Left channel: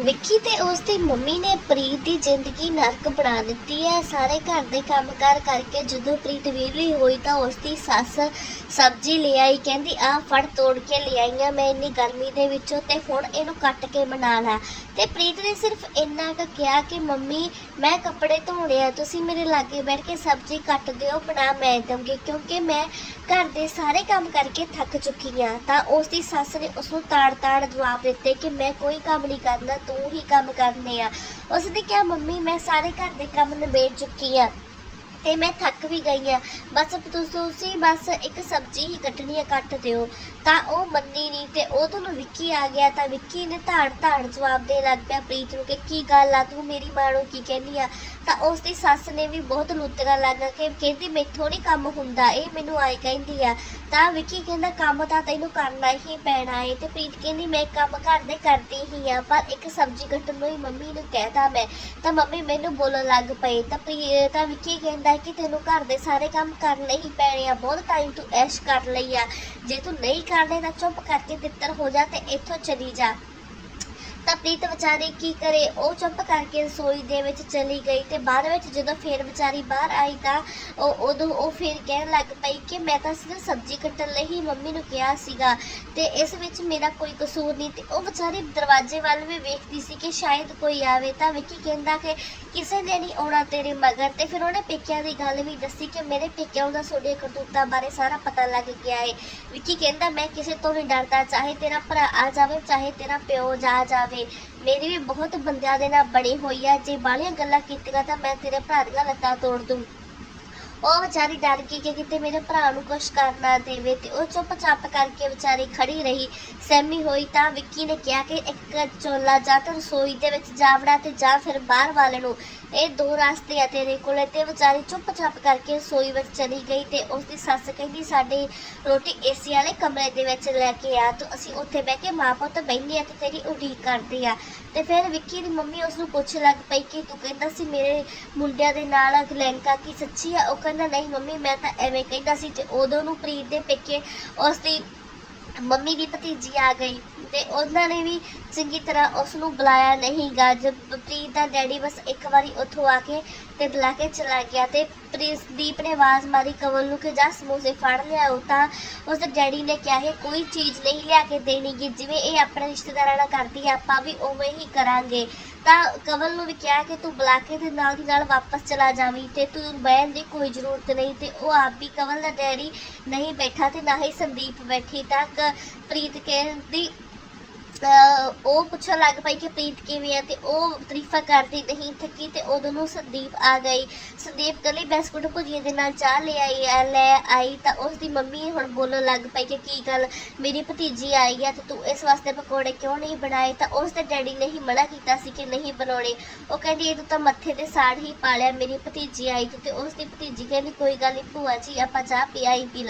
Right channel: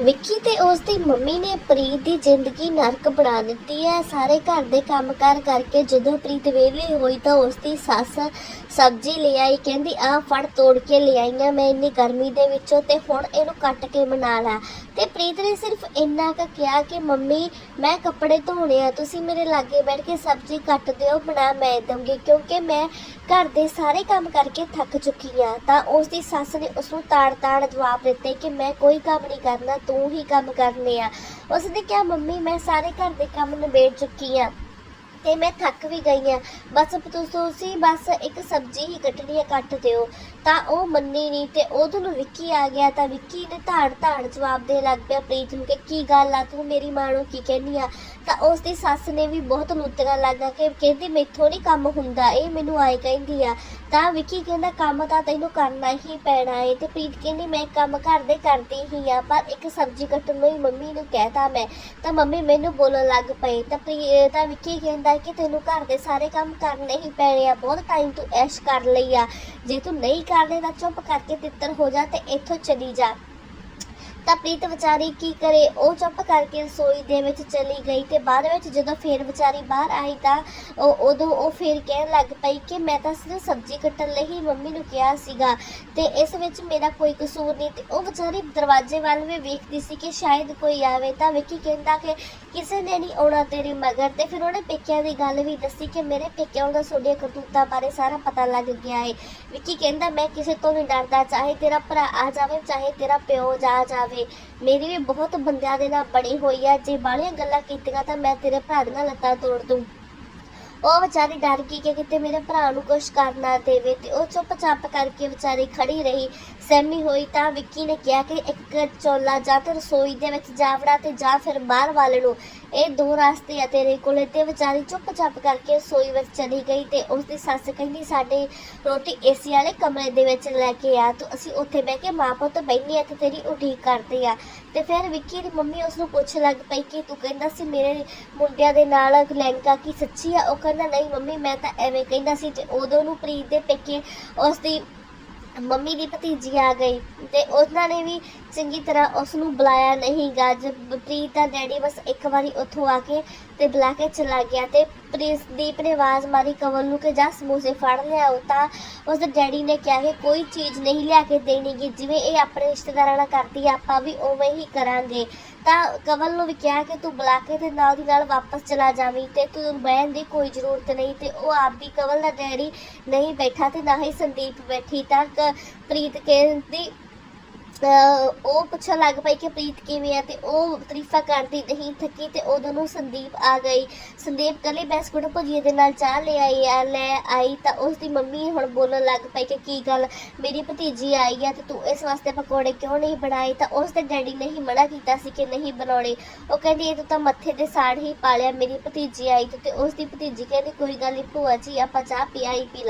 ਵਿੱਕੀ ਤੇ ਉਸ ਦੀ ਮੰਮੀ ਨੇ ਪ੍ਰੀਤ ਦੀ ਜ਼ਿੰਦਗੀ ਨਰਕ ਬਣਾ ਦਿੱਤੀ ਹੈ। ਸਾਰੇ ਘਰ ਦੇ ਕੰਮਕਾਰ ਕਰਕੇ ਜਦੋਂ ਪ੍ਰੀਤ ਵਿਹਲੀ ਹੋਈ ਤਾਂ ਉਸ ਦੀ ਸੱਸ ਸਬਜ਼ੀ ਲੈ ਆਈ। ਕਹਿੰਦੀ ਆਹ ਫੜ, ਤੋੜ ਕੇ ਲੈ ਆਈਆਂ ਮੈਂ ਇੰਨੀ ਗਰਮੀ ਦੇ ਵਿੱਚੋਂ ਤੇ ਹੁਣ ਇਹਨੂੰ ਕੱਟ ਕੇ ਬਣਾ ਲਾ। ਤੇ ਪ੍ਰੀਤ ਨੇ ਸਿਰਫ ਇੰਨਾ ਕੁ ਕਿਹਾ ਕਿ, ਮੰਮੀ, ਮੈਂ ਕੱਪੜੇ ਧੋਣੇ ਆ, ਤੁਸੀਂ ਮੇਰੇ ਲਾਗੇ ਬੈਠ ਕੇ ਸਬਜ਼ੀ ਕੱਟ ਦਿਓ, ਬਣਾ ਮੈਂ ਦਊਂਗੀ, ਕਿਉਂਕਿ ਮੈਂ ਘਰ ਦੇ ਸਾਰੇ ਕੰਮ ਕਰਕੇ ਥੱਕ ਚੁੱਕੀ ਆ। ਤਾਂ ਉਸ ਦੀ ਸੱਸ ਨੇ ਉਸ ਨੂੰ ਤਾੜ-ਤਾੜ ਜਵਾਬ ਦਿੱਤੇ ਕਿ, ਮੈਂ ਕੋਈ ਕੰਮ ਨਹੀਂ ਕਰਨਾ ਤੂੰ ਹੀ ਕੰਮ ਕਰਨੇ ਆ। ਉਸਨੇ ਕਿਹਾ, ਮੰਮੀ, ਮੈਂ ਸਾਰੇ ਘਰ ਦੇ ਕੰਮ ਨਿਬੇੜ ਚੁੱਕੀ ਆ। ਤੇ ਮੈਂ ਥੱਕ ਵੀ ਗਈ ਆ ਬਸ ਤੁਸੀਂ ਤੁਸੀਂ ਬਸ ਇੱਕ ਸਬਜ਼ੀ ਹੀ ਕੱਟਣੀ ਹੈ, ਕੱਟ ਦਿਓ। ਤਾਂ ਉਹ ਮੰਨੀ ਨਹੀਂ ਤੇ ਉਹ ਨੂੰ ਵਿੱਕੀ ਆ ਗਿਆ। ਤਾਂ ਵਿੱਕੀ ਨੇ ਧਾੜ ਧਾੜ ਜਵਾਬ ਦੇ ਲੱਗ ਪਿਆ ਪ੍ਰੀਤ ਨੂੰ ਕਿ ਕੀ ਗੱਲ ਆ, ਤੂੰ ਮੇਰੀ ਮਾਂ ਨੂੰ ਕੀ ਕਹਿੰਦੀ ਆ? ਤਾਂ ਉਸ ਦੀ ਸੱਸ ਨੇ ਵੀ ਬਹੁਤ ਲੁੱਤਰਾ ਲੱਗਾ ਕਿ ਕਹਿੰਦੀ, ਮੈਥੋਂ ਨਹੀਂ ਕੰਮ ਹੁੰਦਾ, ਇਹ ਮੈਨੂੰ ਆਏ ਕਹਿੰਦੀ ਆ। ਤਾਂ ਵਿੱਕੀ ਕਹਿੰਦਾ, ਕੰਮ ਤਾਂ ਤੈਨੂੰ ਕਰਨਾ ਹੀ ਪੈਣਾ ਏ। ਤੇ ਪ੍ਰੀਤ ਕਹਿੰਦੀ, ਮੈਂ ਕੰਮ ਘਰ ਦੇ ਕਰਦੀ ਹੀ ਆ, ਪਰ ਇੱਕ ਸਬਜ਼ੀ ਕੱਟਣ ਨੂੰ ਹੀ ਮੰਮੀ ਨੂੰ ਕਹਿਤਾ ਮੈਂ। ਤਾਂ ਮੰਮੀ ਮੈਨੂੰ ਬੋਲਣ ਲੱਗ ਪਈ ਤਾਂ ਪ੍ਰੀ ਤਾਂ ਵਿੱਕੀ ਕਹਿੰਦਾ ਕਿ ਤੈਨੂੰ ਘਰ ਦੇ ਸਾਰੇ ਕੰਮ ਕਰਨੇ ਹੀ ਪੈਣੇ ਆ, ਬਹੁਤ ਟਾਈਮ ਤੂੰ ਐਸ਼ ਕਰ ਲਈ ਆ। ਜੇ ਤੂੰ ਨਹੀਂ ਕਰਨੇ ਤਾਂ ਚੁੱਪ ਕਰਕੇ ਤਿੱਤਰ ਹੋ ਜਾ ਤੇ ਇੱਥੋਂ ਚਲੀ ਜਾ। ਤਾਂ ਪ੍ਰੀਤ ਵਿਚਾਰੀ ਕੀ ਕਰੇ? ਉਹ ਚੁੱਪ ਕਰਕੇ ਰਸੋਈ ਦੇ ਵਿੱਚ ਚਲੀ ਗਈ ਤੇ ਬਾਅਦ ਵਿੱਚ ਜਦੋਂ ਫੇਰ ਵਿਚਾਰੀ ਬਾਹਰ ਆਈ ਤਾਂ ਉਹ ਉਦੋਂ ਉਹ ਫੇਰ ਕਹਿਣ ਲੱਗ ਪਈ ਕਿ ਮੈਂ ਤਾਂ ਸਿਰਫ ਸਬਜ਼ੀ ਕੱਟਣ ਲਈ ਹੀ ਮੰਮੀ ਨੂੰ ਕਿਹਾ ਸੀਗਾ ਤੇ ਇਸ ਵਿੱਚ ਮੇਰਾ ਕੋਈ ਕਸੂਰ ਨਹੀਂ ਤੇ ਉਹ ਵਿਚਾਰੀ ਦਰਵਾਜ਼ੇ ਵੱਲ ਵੀ ਵੇਖਦੀ ਸੀ ਕਿ ਸ਼ਾਇਦ ਕੋਈ ਆਵੇ ਤਾਂ ਵਿੱਕੀ ਕਹਿੰਦਾ ਕਿ ਕਿਸੇ ਨੇ ਨਹੀਂ ਆਉਣਾ ਤੇਰੇ ਮਗਰ ਤੇ ਫਿਰ ਉਹਨੇ ਪੇਕਿਆਂ ਦੀ ਗੱਲ ਵੀ ਦੱਸੀ ਕਿ ਮੇਰੇ ਪੇਕਿਆਂ ਦਾ ਸੋਡੀਆਂ ਕਰਤੂਤਾਂ ਬਾਰੇ ਸਾਰਾ ਪਤਾ ਲੱਗ ਗਿਆ ਏ। ਵਿੱਕੀ ਕਹਿੰਦਾ, ਮੈਂ ਕਿਸੇ ਤੋਂ ਨਹੀਂ ਡਰਦਾ, ਚਾਹੇ ਤੇਰਾ ਭਰਾ ਆ ਜਾਵੇ, ਚਾਹੇ ਤੇਰਾ ਪਿਓ ਜਾ ਜਾਵੇ ਮੇਰੀ ਵੀ ਬਹੁਤ ਬੰਦਿਆਂ ਦੇ ਨਾਲ ਬੜੀ ਹੋਈ ਆ। ਜੇ ਬਾਹਲੀਆਂ ਗੱਲਾਂ ਕੀਤੀਆਂ ਤਾਂ ਮੈਂ ਤੇਰੇ ਭਰਾ ਦੀਆਂ ਲੱਤਾਂ ਤੋੜ ਦੂੰ। ਉਹ ਵਿਚਾਰੀ ਡਰ ਗਈ ਕਿ ਕਿਤੇ ਮੇਰੇ ਭਰਾ ਨੂੰ ਕੁਝ ਕਰ ਨਾ ਦੇਵੇ ਤੇ ਉਹ ਚੁੱਪਚਾਪ ਕਰਕੇ ਵਿਚਾਰੀ ਖੜੀ ਰਹੀ। ਸਹਿਮੀ ਹੋਈ ਤਾਂ ਵਿੱਕੀ ਨੇ ਕਿਹਾ ਕਿ ਇੱਕ ਚੋਲਾ ਜਾਂ ਤੇ ਰਸੋਈ ਦੇ ਵਿੱਚ ਜਾਵੜਾ ਤੇ ਜਾਂ ਫਿਰ ਬਾਹਰ ਵਾਲੇ ਨੂੰ। ਇਹ ਦੋ ਰਸਤੇ ਆ ਤੇਰੇ ਕੋਲੇ ਤੇ ਵਿਚਾਰੀ ਚੁੱਪਚਾਪ ਕਰਕੇ ਰਸੋਈ ਵਿੱਚ ਚਲੀ ਗਈ ਤੇ ਉਸ ਦੀ ਸੱਸ ਕਹਿੰਦੀ, ਸਾਡੇ ਰੋਟੀ ਏਸੀ ਵਾਲੇ ਕਮਰੇ ਦੇ ਵਿੱਚ ਲੈ ਕੇ ਆ। ਤੂੰ ਅਸੀਂ ਉੱਥੇ ਬਹਿ ਕੇ ਮਾਂ ਪੁੱਤ ਬੈਠੇ ਆ ਤੇ ਤੇਰੀ ਉਡੀਕ ਕਰਦੇ ਆ। ਤੇ ਫਿਰ ਵਿੱਕੀ ਦੀ ਮੰਮੀ ਉਸ ਨੂੰ ਪੁੱਛ ਲੱਗ ਪਈ ਕਿ ਤੂੰ ਕਹਿੰਦਾ ਸੀ ਮੇਰੇ ਮੁੰਡਿਆਂ ਦੇ ਨਾਲ ਲੈਂਕਾ ਕੀ ਸੱਚੀ ਆ? ਉਹ ਕਹਿੰਦਾ, ਨਹੀਂ ਮੰਮੀ, ਮੈਂ ਤਾਂ ਐਵੇਂ ਕਹਿੰਦਾ ਸੀ ਤੇ ਉਦੋਂ ਨੂੰ ਪ੍ਰੀਤ ਦੇ ਪੇਕੇ ਉਸ ਦੀ ਮੰਮੀ ਦੀ ਭਤੀਜੀ ਆ ਗਈ ਤੇ ਉਹਨਾਂ ਨੇ ਵੀ ਚੰਗੀ ਤਰ੍ਹਾਂ ਉਸ ਨੂੰ ਬੁਲਾਇਆ ਨਹੀਂ ਗਾ। ਜਦ ਪ੍ਰੀਤ ਦਾ ਡੈਡੀ ਬਸ ਇੱਕ ਵਾਰੀ ਉੱਥੋਂ ਆ ਕੇ ਤੇ ਬੁਲਾ ਕੇ ਚਲਾ ਗਿਆ ਤੇ ਪ੍ਰਿੰਸਦੀਪ ਨੇ ਆਵਾਜ਼ ਮਾਰੀ, ਕਵਲ ਨੂੰ ਕਿ ਜਾ ਸਮੋਸੇ ਫੜ ਲਿਆਓ ਤਾਂ ਉਸ ਦੇ ਡੈਡੀ ਨੇ ਕਿਹਾ ਕਿ ਕੋਈ ਚੀਜ਼ ਨਹੀਂ ਲਿਆ ਕੇ ਦੇਣੀਗੀ ਜਿਵੇਂ ਇਹ ਆਪਣੇ ਰਿਸ਼ਤੇਦਾਰਾਂ ਨਾਲ ਕਰਦੀ ਆ, ਆਪਾਂ ਵੀ ਉਵੇਂ ਹੀ ਕਰਾਂਗੇ। ਤਾਂ ਕਵਲ ਨੂੰ ਵੀ ਕਿਹਾ ਕਿ ਤੂੰ ਬੁਲਾ ਕੇ ਤੇ ਨਾਲ ਦੀ ਨਾਲ ਵਾਪਸ ਚਲਾ ਜਾਵੀਂ ਤੇ ਤੂੰ ਬਹਿਣ ਦੀ ਕੋਈ ਜ਼ਰੂਰਤ ਨਹੀਂ ਤੇ ਉਹ ਆਪ ਹੀ ਕਵਲ ਦਾ ਡੈਰੀ ਨਹੀਂ ਬੈਠਾ ਤੇ ਨਾ ਹੀ ਸੰਦੀਪ ਬੈਠੀ ਤਾਂ ਕ- ਪ੍ਰੀਤ ਕਹਿੰਦੀ ਅਹ ਉਹ ਪੁੱਛਣ ਲੱਗ ਪਈ ਕਿ ਪ੍ਰੀਤ ਕਿਵੇਂ ਆ ਤੇ ਉਹ ਤਾਰੀਫਾਂ ਕਰਦੀ ਨਹੀਂ ਥੱਕੀ ਤੇ ਉਦੋਂ ਨੂੰ ਸੰਦੀਪ ਆ ਗਈ। ਸੰਦੀਪ ਕੱਲੀ ਬਿਸਕੁਟ ਭੁਜੀਏ ਦੇ ਨਾਲ ਚਾਹ ਲੈ ਆਈ ਆ, ਲੈ ਆਈ ਤਾਂ ਉਸ ਦੀ ਮੰਮੀ ਹੁਣ ਬੋਲਣ ਲੱਗ ਪਈ ਕਿ ਕੀ ਗੱਲ, ਮੇਰੀ ਭਤੀਜੀ ਆਈ ਹੈ ਤੇ ਤੂੰ ਇਸ ਵਾਸਤੇ ਪਕੌੜੇ ਕਿਉਂ ਨਹੀਂ ਬਣਾਏ? ਤਾਂ ਉਸ ਦੇ ਡੈਡੀ ਨੇ ਹੀ ਮਨਾ ਕੀਤਾ ਸੀ ਕਿ ਨਹੀਂ ਬਣਾਉਣੇ। ਉਹ ਕਹਿੰਦੀ, ਇਹ ਤੂੰ ਤਾਂ ਮੱਥੇ ਤੇ ਸਾੜ ਹੀ ਪਾ ਲਿਆ, ਮੇਰੀ ਭਤੀਜੀ ਆਈ ਤੇ ਉਸ ਦੀ ਭਤੀਜੀ ਕਹਿੰਦੀ, ਕੋਈ ਗੱਲ ਨਹੀਂ ਭੂਆ ਜੀ, ਆਪਾਂ ਚਾਹ ਪੀ ਆਈ ਪੀ ਲਾਂਗੇ।